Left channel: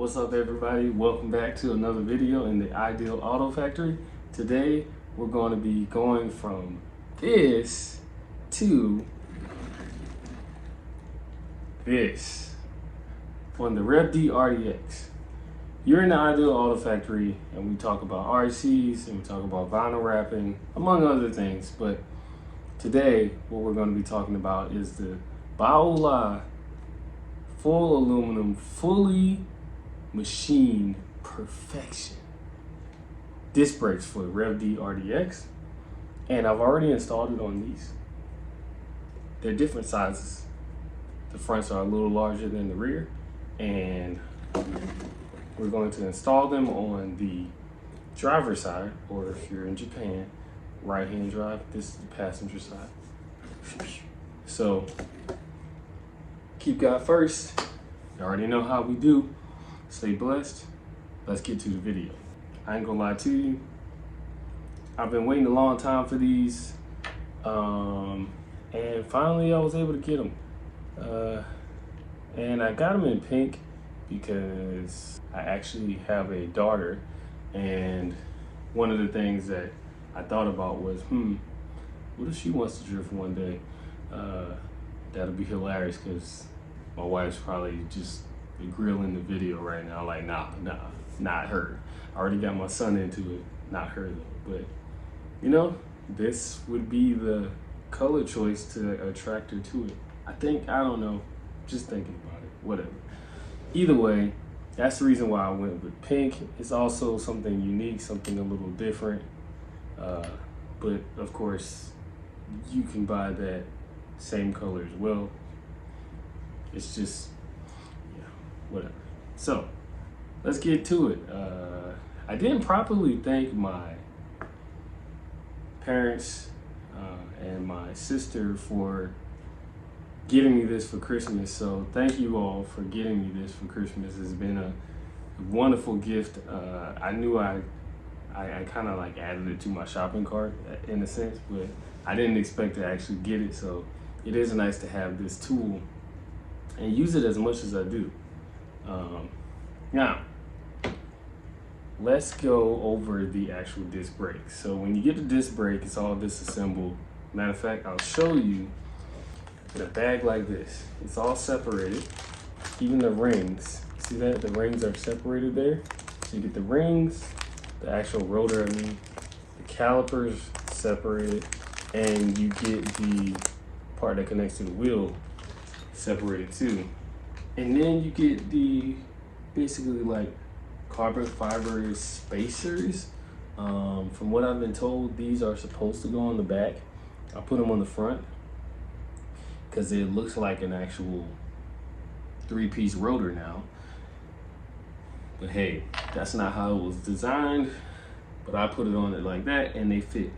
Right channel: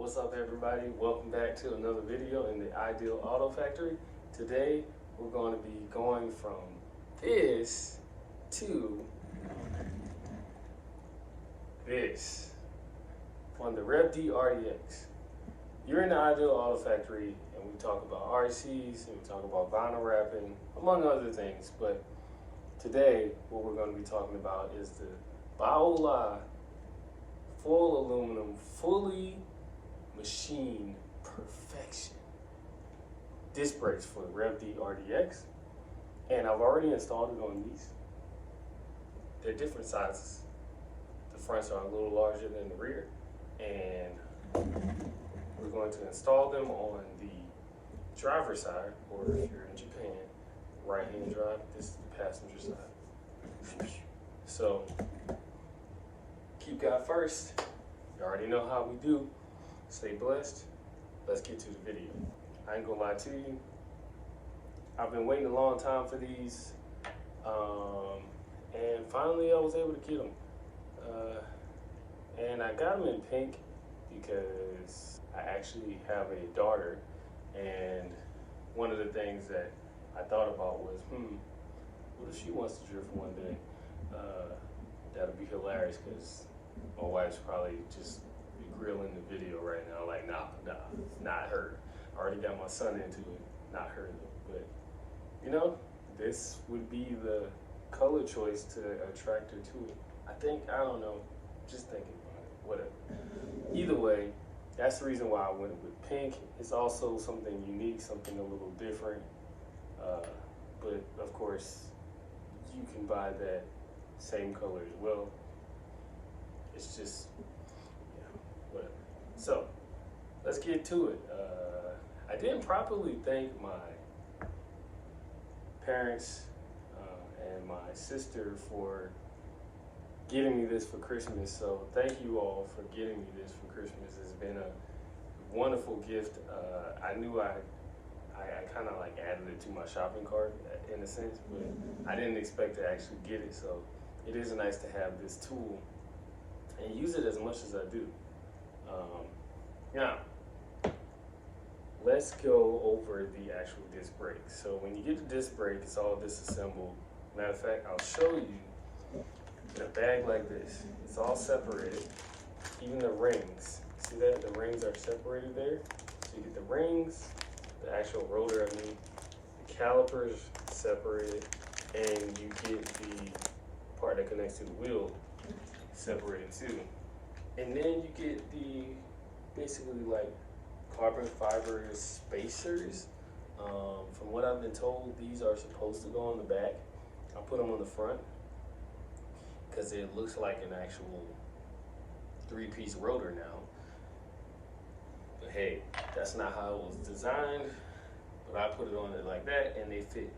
What's up, everybody? Welcome back to another video in the Ideal Auto Factory. Today we're going to be going from this to this on the Reve RDX. You're in the Ideal Auto Factory and we talk about RCs and we talk about vinyl wrapping, among other things. But today what we're going to be talking about is the Baola full aluminum, fully machined perfection disc brakes for the Reve RDX, and I've already installed it on these. They're different sizes. The fronts are a little larger than the rear, and we're going to install them on the driver's side, or if you're in Japan, right-hand drive. This is the passenger side. So keep God first. You already know how we do. Stay blessed. Let's get to the video. I ain't gonna lie to you, I've been waiting a long time for these, and finally I was able to get them. And I got them in pink because I actually have a daughter, and one of the things that I thought about was, what if she wants to drift one day? That'll be hilarious, because my wife's probably just grilling the video right now, like, nah, not her. I already got my son into it, not her though. But you know, this would be the color choice to attract her to it. I don't know, just thinking about it, whatever. Either way, that's the reason why I went with pink. It's also something unique, something a little different. But of course, you can buy that same color as well. It's just, whatever. So let's get to it. I didn't properly thank my parents and my sister for getting me this for Christmas. So thank you all for getting me this for Christmas. It's been a wonderful gift. I knew I kind of like added it to my shopping cart in a sense, but I didn't expect to actually get it. So it is nice to have this tool and use it as much as I do. Now, let's go over the actual disc brake. So when you get the disc brake, it's all disassembled. Matter of fact, I'll show you in a bag like this. It's all separated, even the rings. See that? The rings are separated there. So you get the rings, the actual rotor, the calipers separated, and you get the part that connects to the wheel separated too. And then you get the basically like carbon fiber spacers. From what I've been told, these are supposed to go on the back. I put them on the front because it looks like an actual 3-piece rotor now. But hey, that's not how it was designed. But I put it on it like that and they fit.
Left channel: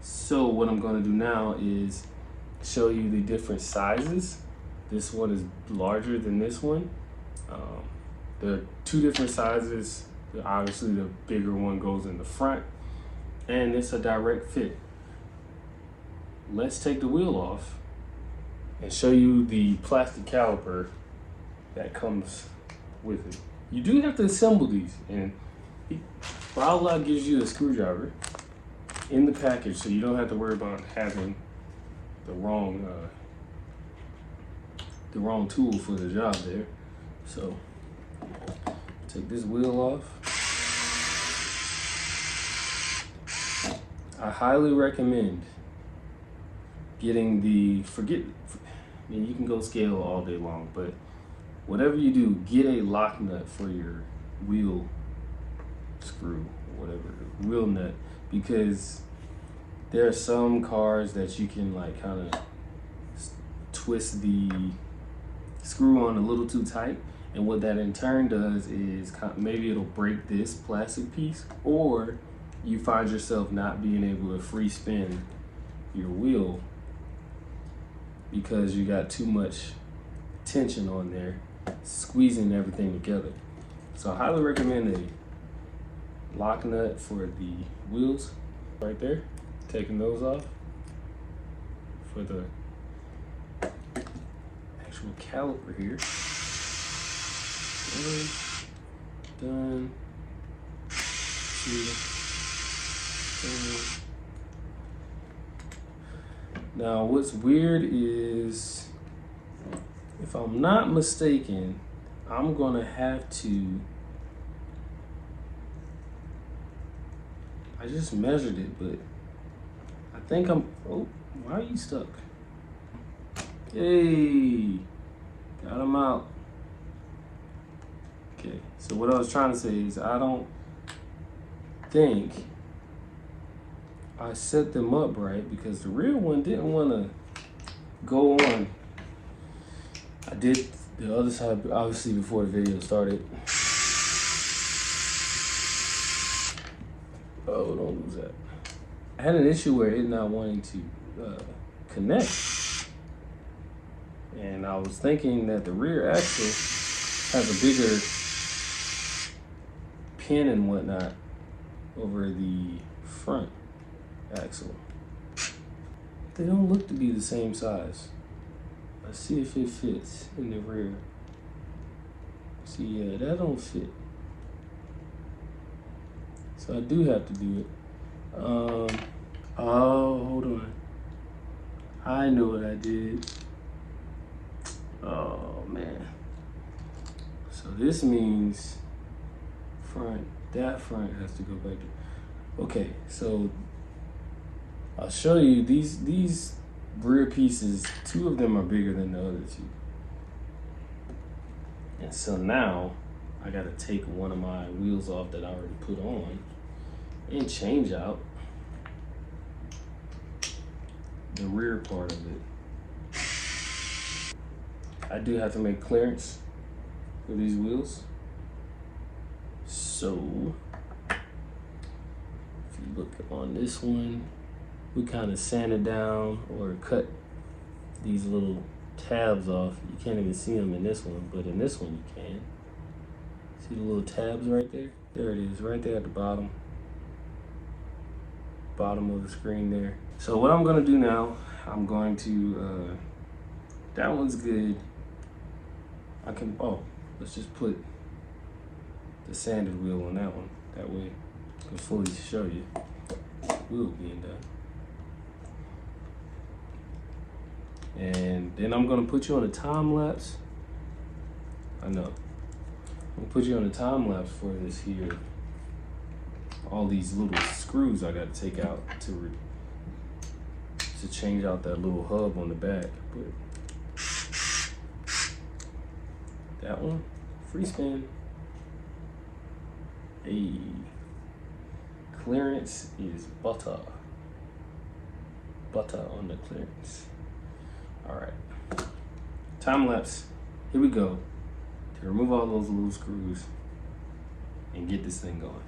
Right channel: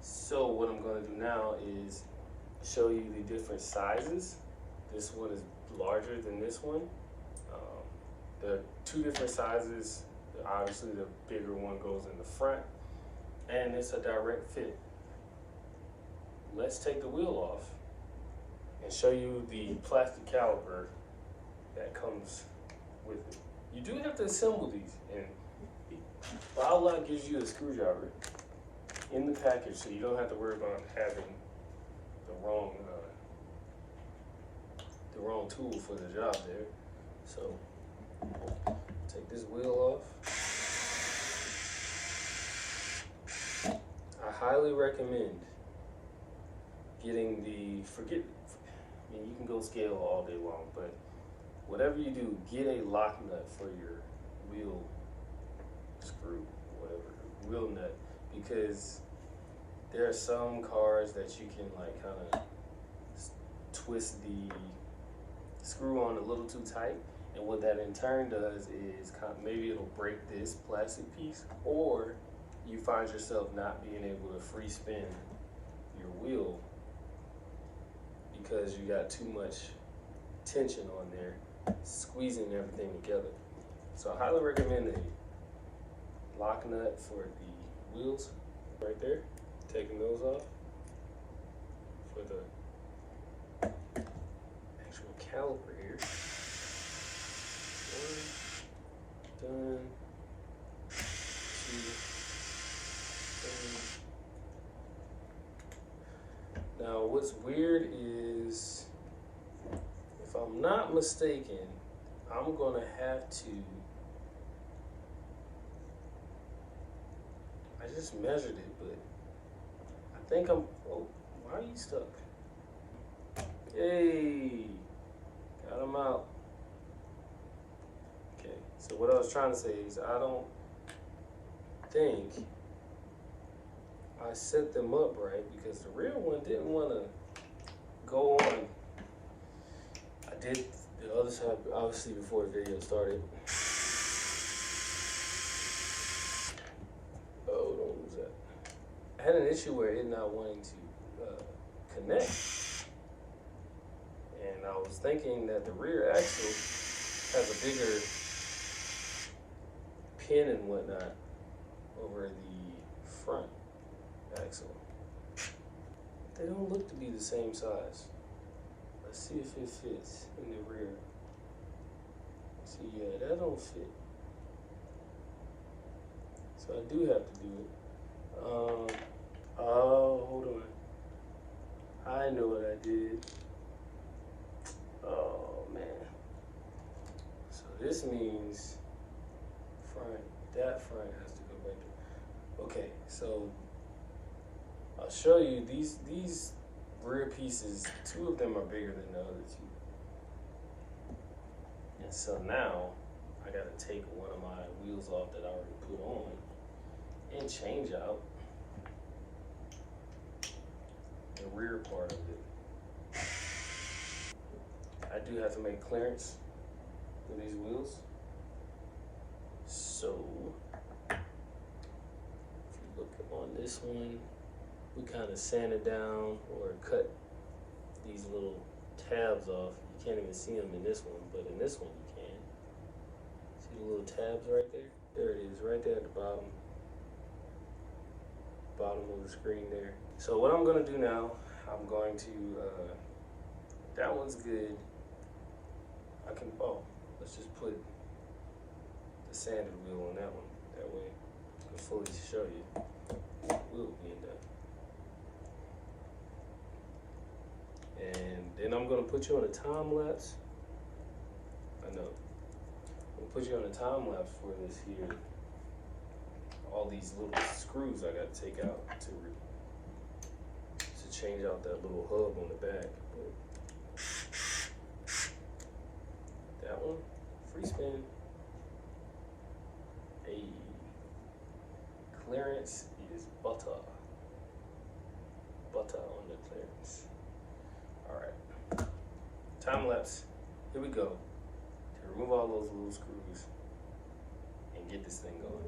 So what I'm gonna do now is show you the different sizes. This one is larger than this one. There are two different sizes. Obviously the bigger one goes in the front, and it's a direct fit. Let's take the wheel off and show you the plastic caliper that comes with it. You do have to assemble these, and Baola gives you a screwdriver in the package, so you don't have to worry about having the wrong tool for the job there. So take this wheel off. I highly recommend getting the, I mean, you can go scale all day long, but whatever you do, get a lock nut for your wheel screw, whatever, wheel nut, because there are some cars that you can like kind of twist the screw on a little too tight, and what that in turn does is maybe it'll break this plastic piece, or you find yourself not being able to free spin your wheel because you got too much tension on there, squeezing everything together. So I highly recommend a lock nut for the wheels right there. Taking those off for the actual caliper here. Done. 2, 3. Now what's weird is, if I'm not mistaken, I'm gonna have to, I just measured it, but I think oh, why are you stuck? Hey, got him out. Okay, so what I was trying to say is, I don't think I set them up right, because the real one didn't want to go on. I did the other side, obviously, before the video started. Oh, don't lose that. I had an issue where it not wanting to connect. And I was thinking that the rear axle has a bigger pin and whatnot over the front axle. They don't look to be the same size. Let's see if it fits in the rear. See, yeah, that don't fit. So I do have to do it. Oh, hold on. I know what I did. Oh man. So this means that front has to go back there. Okay, so I'll show you these rear pieces. 2 of them are bigger than the other 2. And so now I gotta take one of my wheels off that I already put on and change out the rear part of it. I do have to make clearance for these wheels. So if you look on this one, we kind of sanded down or cut these little tabs off. You can't even see them in this one, but in this one you can. See the little tabs right there? There it is, right there at the bottom of the screen there. So what I'm gonna do now, I'm going to, that one's good. Let's just put the sanded wheel on that one. That way I can fully show you the wheel being done. And then I'm gonna put you on a time lapse. I'm gonna put you on a time lapse for this here. All these little screws I gotta take out to change out that little hub on the back. But that one, free spin. Hey, clearance is butter. Butter on the clearance. All right, time lapse. Here we go. To remove all those little screws and get this thing going.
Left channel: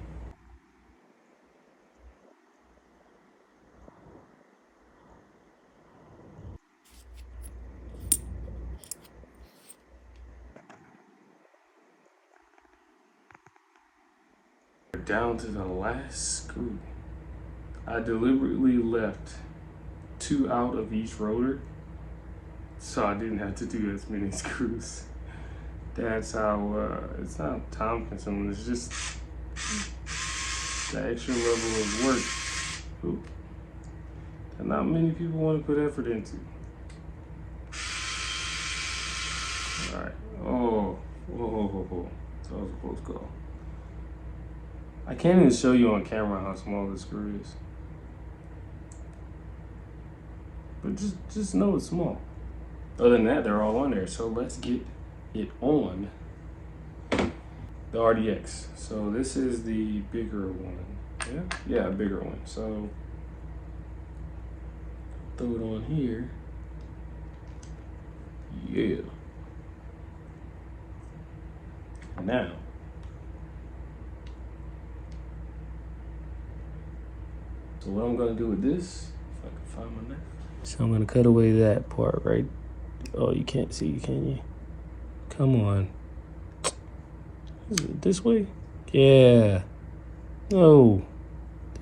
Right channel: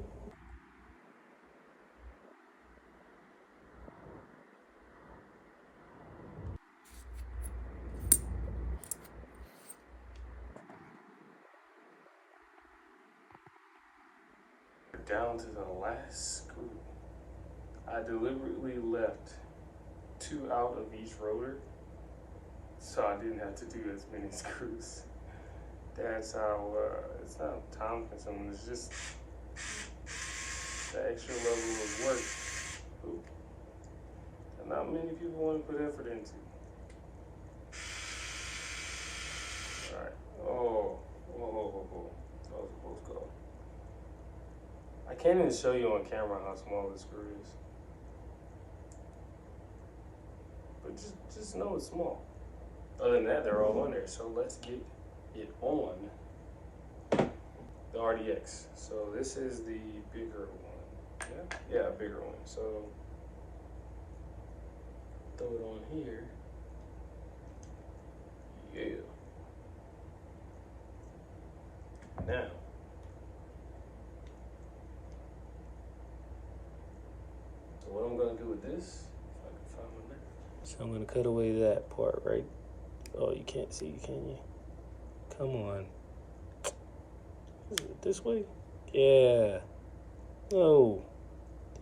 Down to the last screw. I deliberately left 2 out of each rotor so I didn't have to do as many screws. That's how, it's not time consuming, it's just the extra level of work that not many people want to put effort into. All right, whoa. So I was supposed to go. I can't even show you on camera how small this screw is. But just know it's small. Other than that, they're all on there. So let's get it on the RDX. So this is the bigger one. Yeah, bigger one. So throw it on here. Yeah. Now, so what I'm gonna do with this, if I can find my knife. So I'm gonna cut away that part, right? Oh, you can't see, can you? Come on. Is it this way? Yeah. Oh,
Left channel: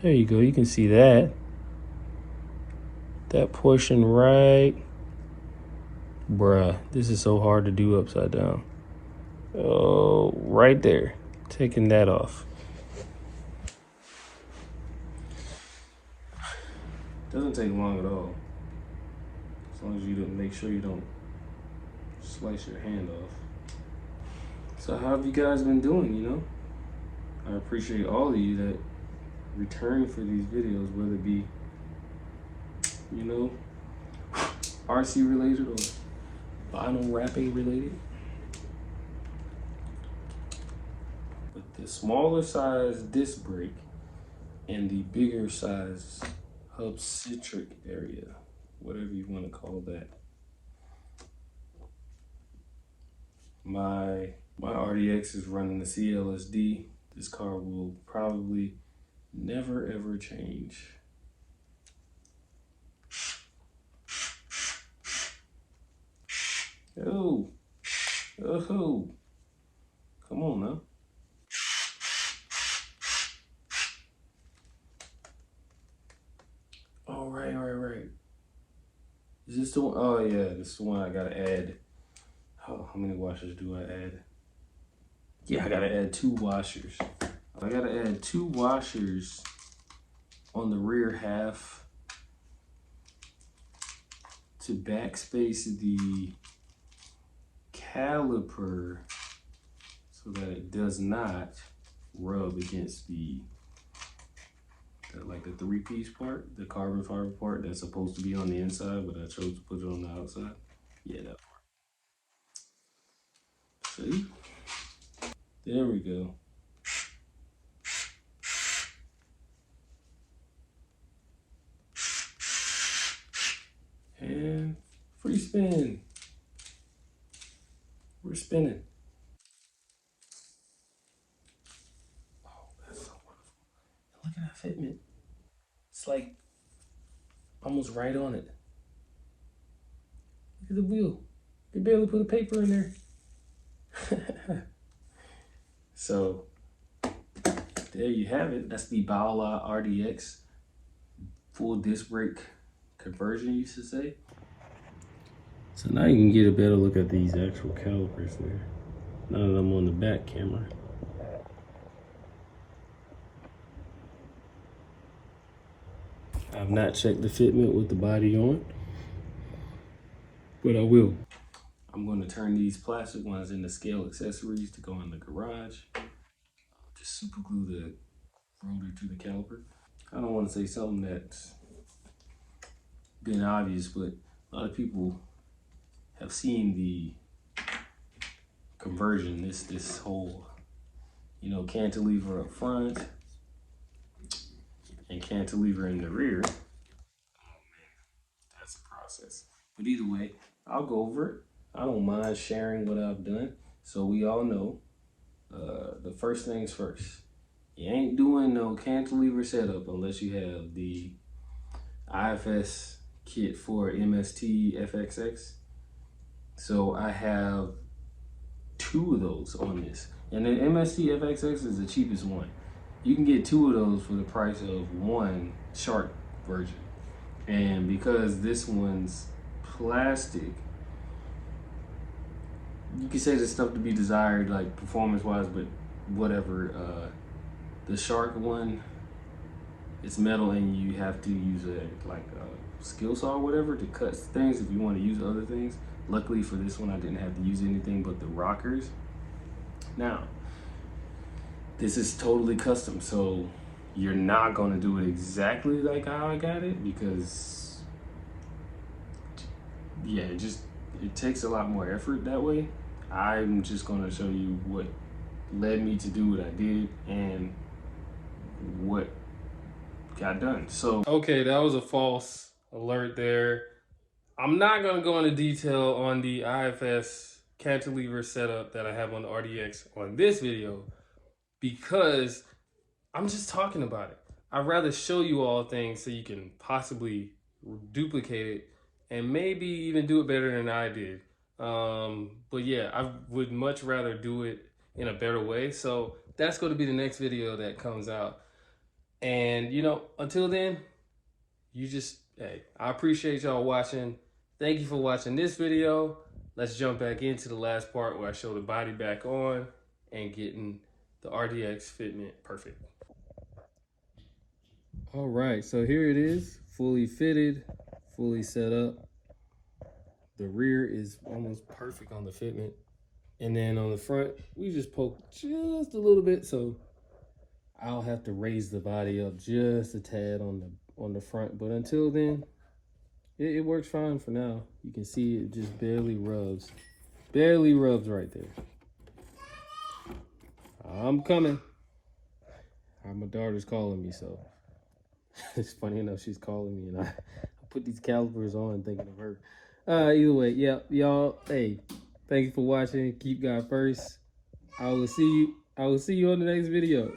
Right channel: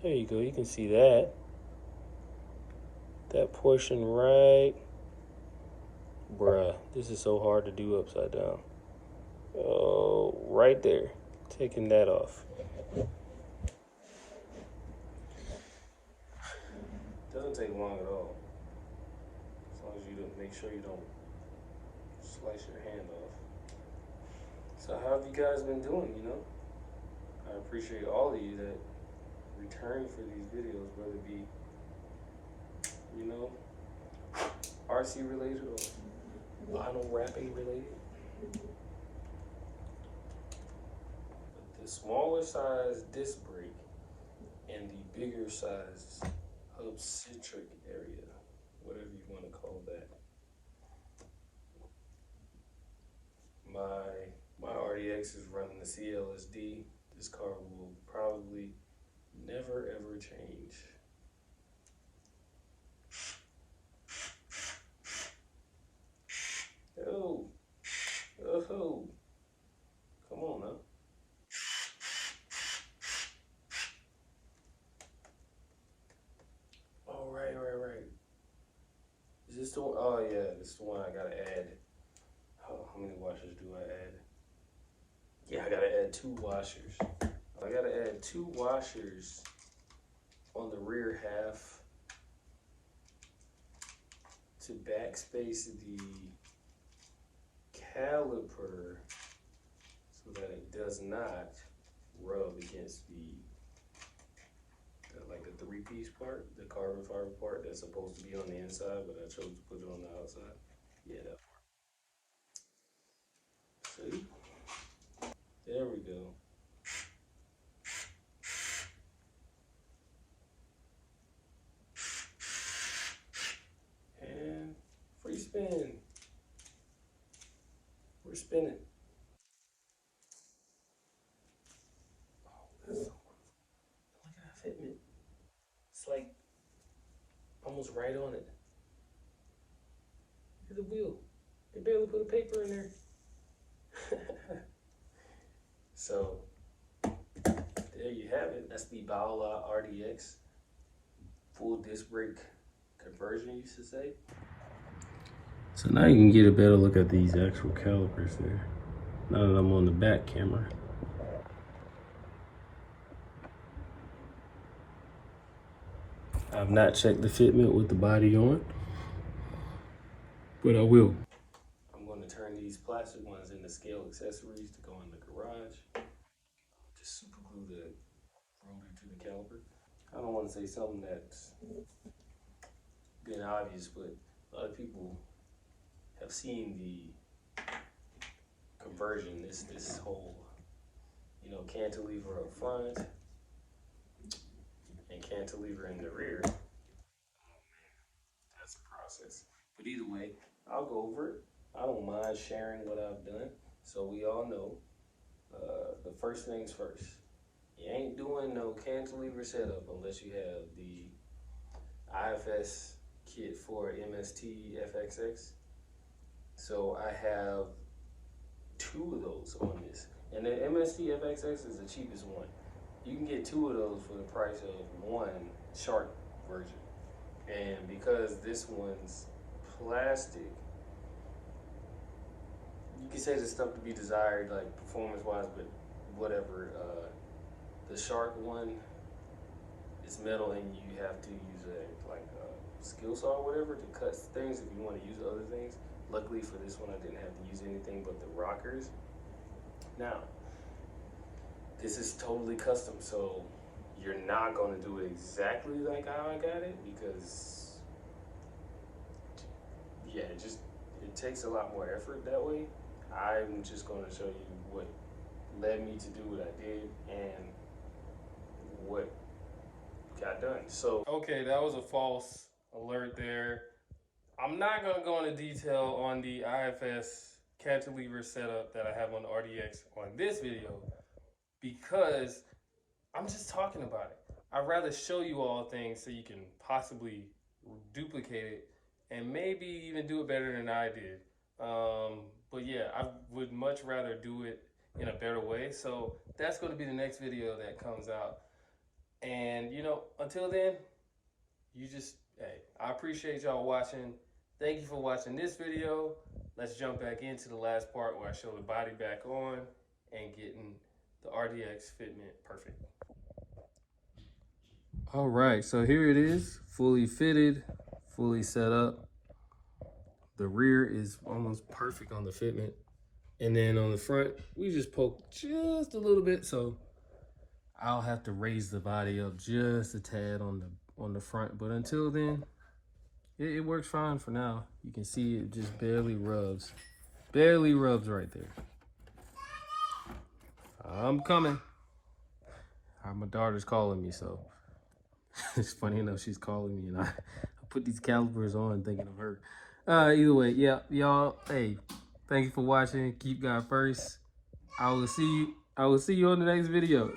there you go. You can see that. That portion right. Bruh, this is so hard to do upside down. Oh, right there. taking that off. Doesn't take long at all. As long as you don't make sure you don't slice your hand off. So how have you guys been doing, you know? I appreciate all of you that return for these videos, whether it be, you know, RC related or vinyl wrapping related. But the smaller size disc brake and the bigger size hub citric area, whatever you want to call that. My RDX is running the CLSD. This car will probably never ever change. Oh, oh, come on now. Oh, right. Is this the one? Oh yeah, this is the one I gotta add. Oh, how many washers do I add? Yeah, I gotta add 2 washers. I gotta add 2 washers on the rear half to backspace the caliper so that it does not rub against the like the 3-piece part, the carbon fiber part that's supposed to be on the inside, but I chose to put it on the outside. Yeah, that part. See? There we go. And free spin. We're spinning. Oh, that's so wonderful. Look at that fitment. It's like almost right on it. Look at the wheel. They barely put a paper in there. So there you have it. That's the Baola RDX full disc brake conversion, you should say. So now you can get a better look at these actual calipers there. Now that I'm on the back camera. I've not checked the fitment with the body on, but I will. I'm going to turn these plastic ones into scale accessories to go in the garage. Just super glue the rotor to the caliper. I don't want to say something that's been obvious, but a lot of people have seen the conversion, this whole, you know, cantilever up front and cantilever in the rear. Oh man, that's a process. But either way, I'll go over it. I don't mind sharing what I've done. So we all know, the first things first. You ain't doing no cantilever setup unless you have the IFS kit for MST FXX. So I have 2 of those on this. And the MST FXX is the cheapest one. You can get 2 of those for the price of 1 Shark version. And because this one's plastic, you can say there's stuff to be desired, like performance wise, but whatever. The Shark one, it's metal and you have to use a skill saw or whatever to cut things if you want to use other things. Luckily for this one, I didn't have to use anything but the rockers. Now, this is totally custom, so you're not gonna do it exactly like how I got it because, yeah, it takes a lot more effort that way. I'm just gonna show you what led me to do what I did and what got done. So, okay, that was a false alert there. I'm not gonna go into detail on the IFS cantilever setup that I have on the RDX on this video because I'm just talking about it. I'd rather show you all things so you can possibly duplicate it and maybe even do it better than I did. But yeah, I would much rather do it in a better way. So that's going to be the next video that comes out. And you know, until then, hey, I appreciate y'all watching. Thank you for watching this video. Let's jump back into the last part where I show the body back on and getting the RDX Fitment Perfect. All right, so here it is, fully fitted, fully set up. The rear is almost perfect on the Fitment. And then on the front, we just poked just a little bit, so I'll have to raise the body up just a tad on the front. But until then, it works fine for now. You can see it just barely rubs right there. I'm coming. My daughter's calling me, so it's funny enough she's calling me, and I put these calipers on thinking of her. Either way, yeah, y'all. Hey, thank you for watching. Keep God first. I will see you on the next video.